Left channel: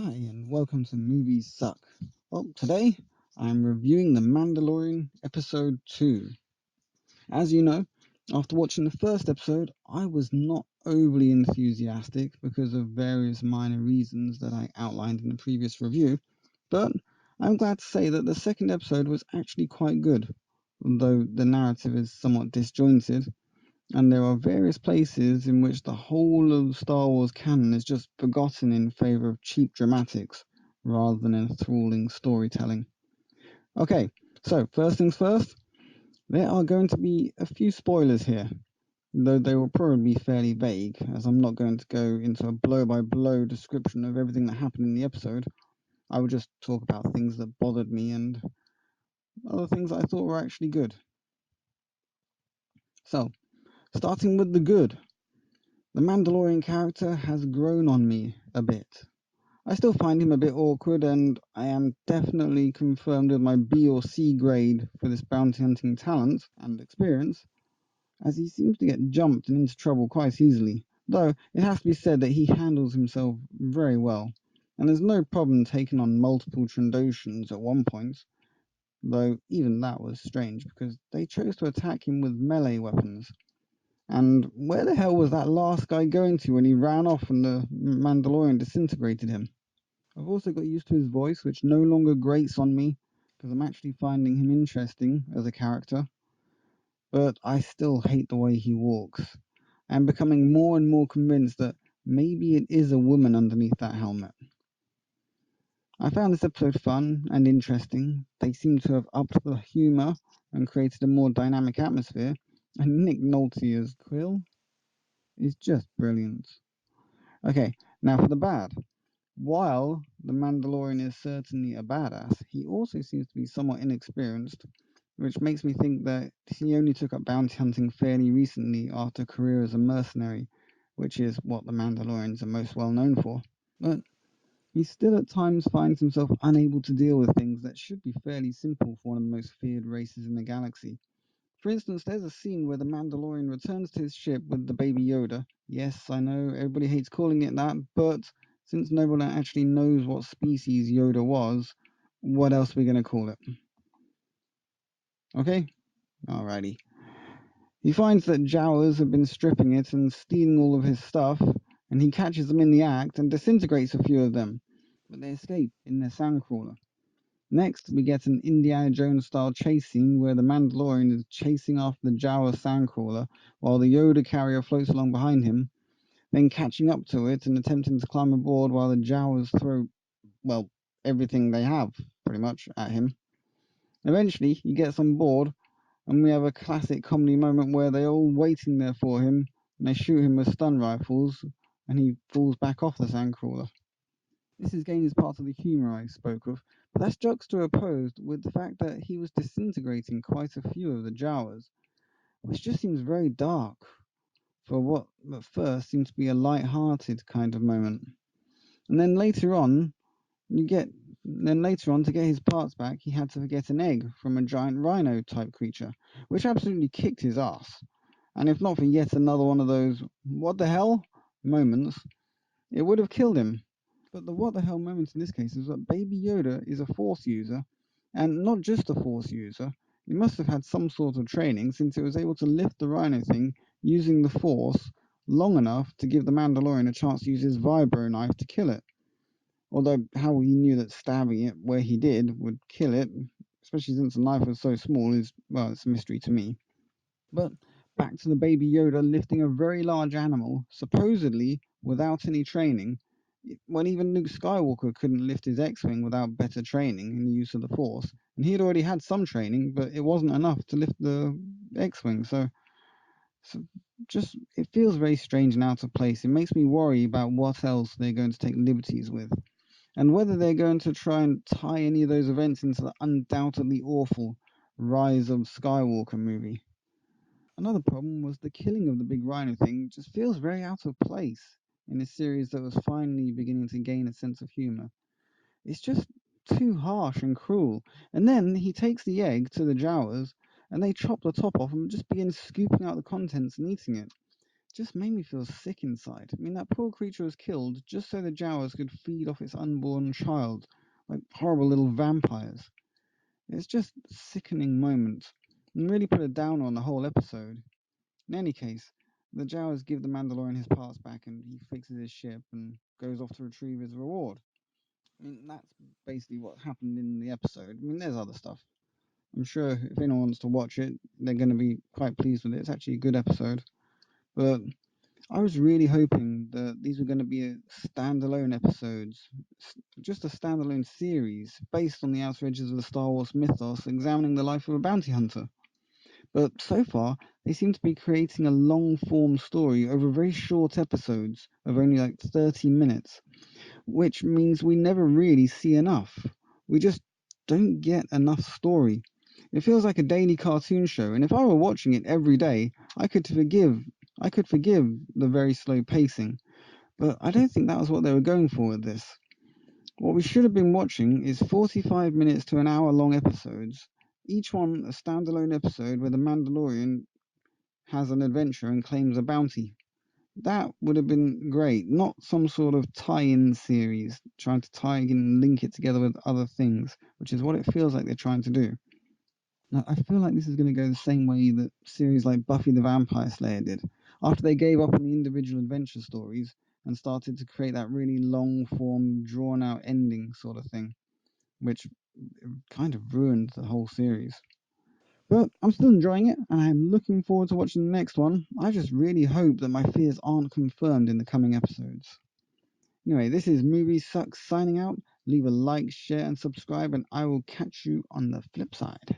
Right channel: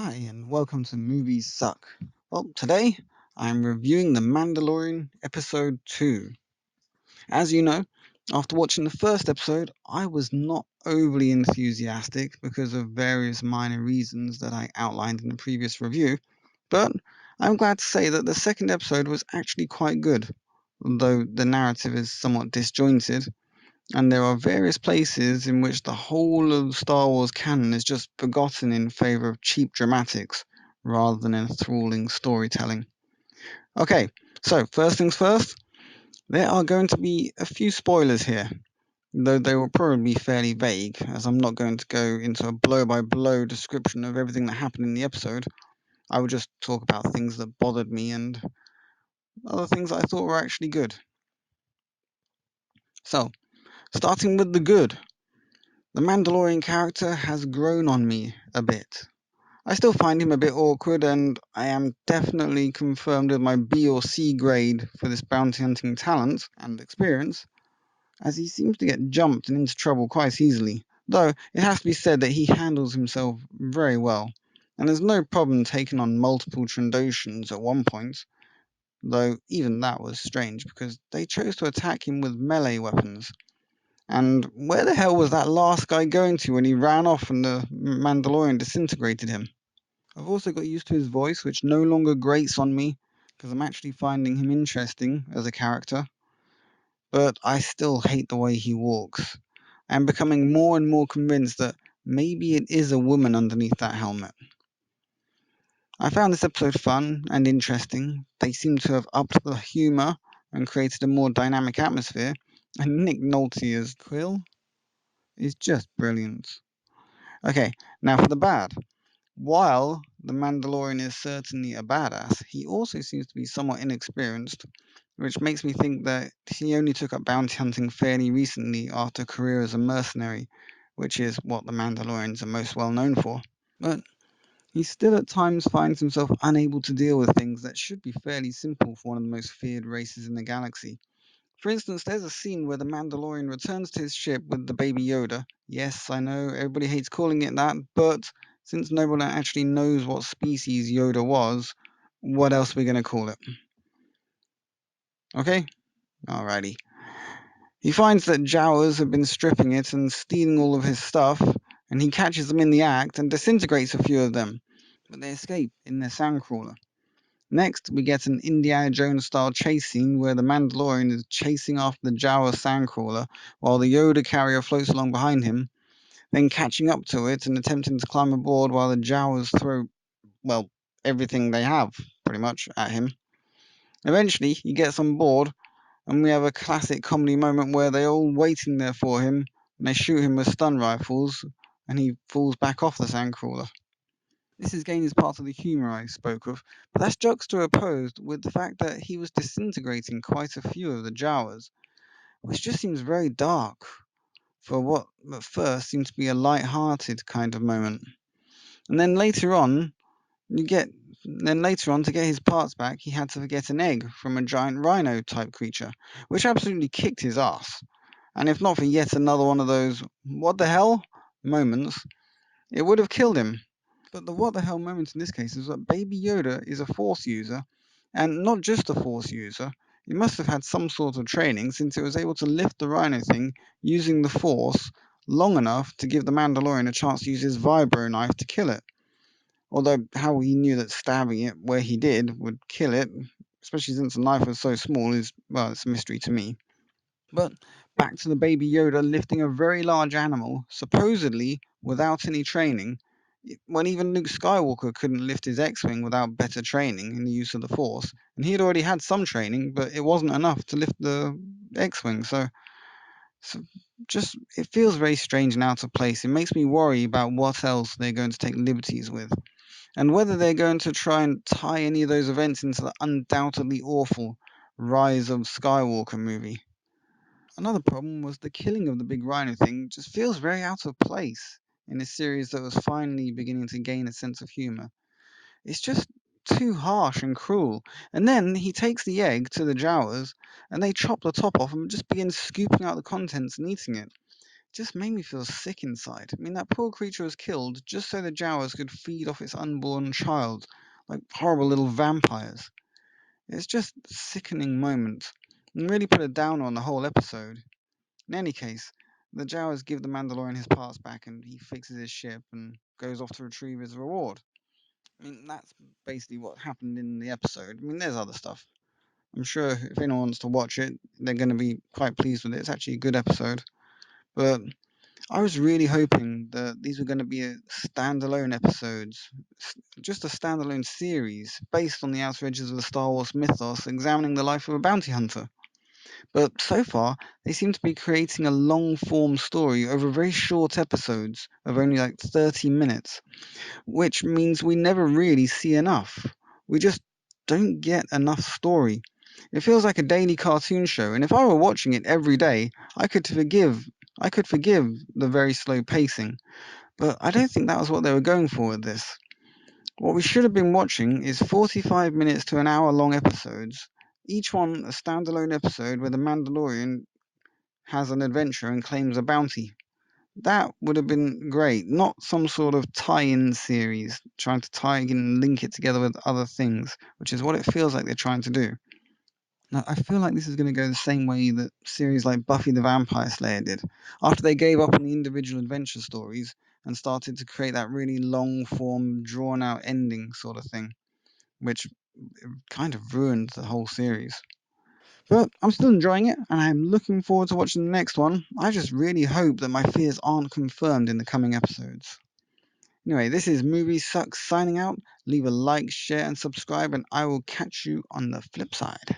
Hi, and welcome to Movies Suck. Well, today I'm reviewing The Mandalorian Episode 2. As you know, after watching the first episode, I was not overly enthusiastic because of various minor reasons that I outlined in the previous review, but I'm glad to say that the second episode was actually quite good, although the narrative is somewhat disjointed and there are various places in which the whole of Star Wars canon is just forgotten in favour of cheap dramatics rather than enthralling storytelling. Okay, so first things first, there are going to be a few spoilers here, though they will probably be fairly vague, as I'm not going to go into a blow by blow description of everything that happened in the episode. I will just talk about things that bothered me and other things that I thought were actually good. So, starting with the good, the Mandalorian character has grown on me a bit. I still find him a bit awkward, and I am definitely confirmed with my B or C grade for this bounty hunting talent and experience, as he seems to get jumped and into trouble quite easily. Though it has to be said that he handles himself very well, and there's no problem taking on multiple Trandoshans at one point, though even that was strange because they chose to attack him with melee weapons. And where the hell was that last guy going to when he ran off and the Mandalorian disintegrated him? I've also got used to his voice, which no longer grates on me because I'm actually finding him interesting as a character, but I still hate the way he walks. I'm becoming more and more convinced that maybe it is a woman underneath that helmet. I found this episode fun and interesting. They seem to have upped the humour and created a more dynamic atmosphere, and Nick Nolte as Quill is just brilliant. Okay, now for the bad. While the Mandalorian is certainly a badass, he also seems to be somewhat inexperienced, which makes me think that he only took up bounty hunting fairly recently after a career as a mercenary, which is what the Mandalorians are most well known for. But he still at times finds himself unable to deal with things that should be fairly simple for one of the most feared races in the galaxy. For instance, there's a scene where the Mandalorian returns to his ship with the baby Yoda. Yes, I know everybody hates calling it that, but since no one actually knows what species Yoda was, what else are we going to call it? Okay? Alrighty. He finds that Jawas have been stripping it and stealing all of his stuff, and he catches them in the act and disintegrates a few of them, but they escape in their sandcrawler. Next, we get an Indiana Jones style chase scene where the Mandalorian is chasing after the Jawa sandcrawler while the Yoda carrier floats along behind him, then catching up to it and attempting to climb aboard while the Jawas throw, well, everything they have, pretty much, at him. Eventually, he gets on board, and we have a classic comedy moment where they're all waiting there for him, and they shoot him with stun rifles, and he falls back off the sandcrawler. This is again is part of the humour I spoke of, but that's juxtaposed with the fact that he was disintegrating quite a few of the Jawas, which just seems very dark for what at first seemed to be a light-hearted kind of moment. And then later on, you get then later on to get his parts back, he had to get an egg from a giant rhino type creature, which absolutely kicked his ass. And if not for yet another one of those what the hell moments, it would have killed him. But the what the hell moment in this case is that Baby Yoda is a Force user, and not just a Force user. It must have had some sort of training since it was able to lift the Rhino thing using the Force long enough to give the Mandalorian a chance to use his vibro knife to kill it. Although how he knew that stabbing it where he did would kill it, especially since the knife was so small, is, well, it's a mystery to me. But back to the Baby Yoda lifting a very large animal, supposedly without any training, when even Luke Skywalker couldn't lift his X-Wing without better training in the use of the Force, and he had already had some training, but it wasn't enough to lift the X-Wing. So just it feels very strange and out of place. It makes me worry about what else they're going to take liberties with, and whether they're going to try and tie any of those events into the undoubtedly awful Rise of Skywalker movie. Another problem was the killing of the big rhino thing just feels very out of place in a series that was finally beginning to gain a sense of humor. It's just too harsh and cruel. And then he takes the egg to the Jawas and they chop the top off and just begin scooping out the contents and eating it. just made me feel sick inside. I mean, that poor creature was killed just so the Jawas could feed off its unborn child, like horrible little vampires. It's just a sickening moment, and really put a downer on the whole episode. In any case, the Jawas give the Mandalorian his parts back and he fixes his ship and goes off to retrieve his reward. I mean, that's basically what happened in the episode. I mean, there's other stuff. I'm sure if anyone wants to watch it, they're going to be quite pleased with it. It's actually a good episode. But I was really hoping that these were going to be standalone episodes, just a standalone series based on the outer edges of the Star Wars mythos, examining the life of a bounty hunter. But so far, they seem to be creating a long form story over very short episodes of only like 30 minutes, which means we never really see enough. We just don't get enough story. It feels like a daily cartoon show, and if I were watching it every day, I could forgive the very slow pacing. But I don't think that was what they were going for with this. What we should have been watching is 45 minutes to an hour long episodes, each one a standalone episode where the Mandalorian has an adventure and claims a bounty. That would have been great, not some sort of tie-in series trying to tie in and link it together with other things, which is what it feels like they're trying to do. Now, I feel like this is going to go the same way that series like Buffy the Vampire Slayer did, after they gave up on the individual adventure stories and started to create that really long form, drawn out ending sort of thing, which kind of ruined the whole series. But I'm still enjoying it, and I'm looking forward to watching the next one. I just really hope that my fears aren't confirmed in the coming episodes. Anyway, this is Movie Sucks signing out. Leave a like, share, and subscribe, and I will catch you on the flip side.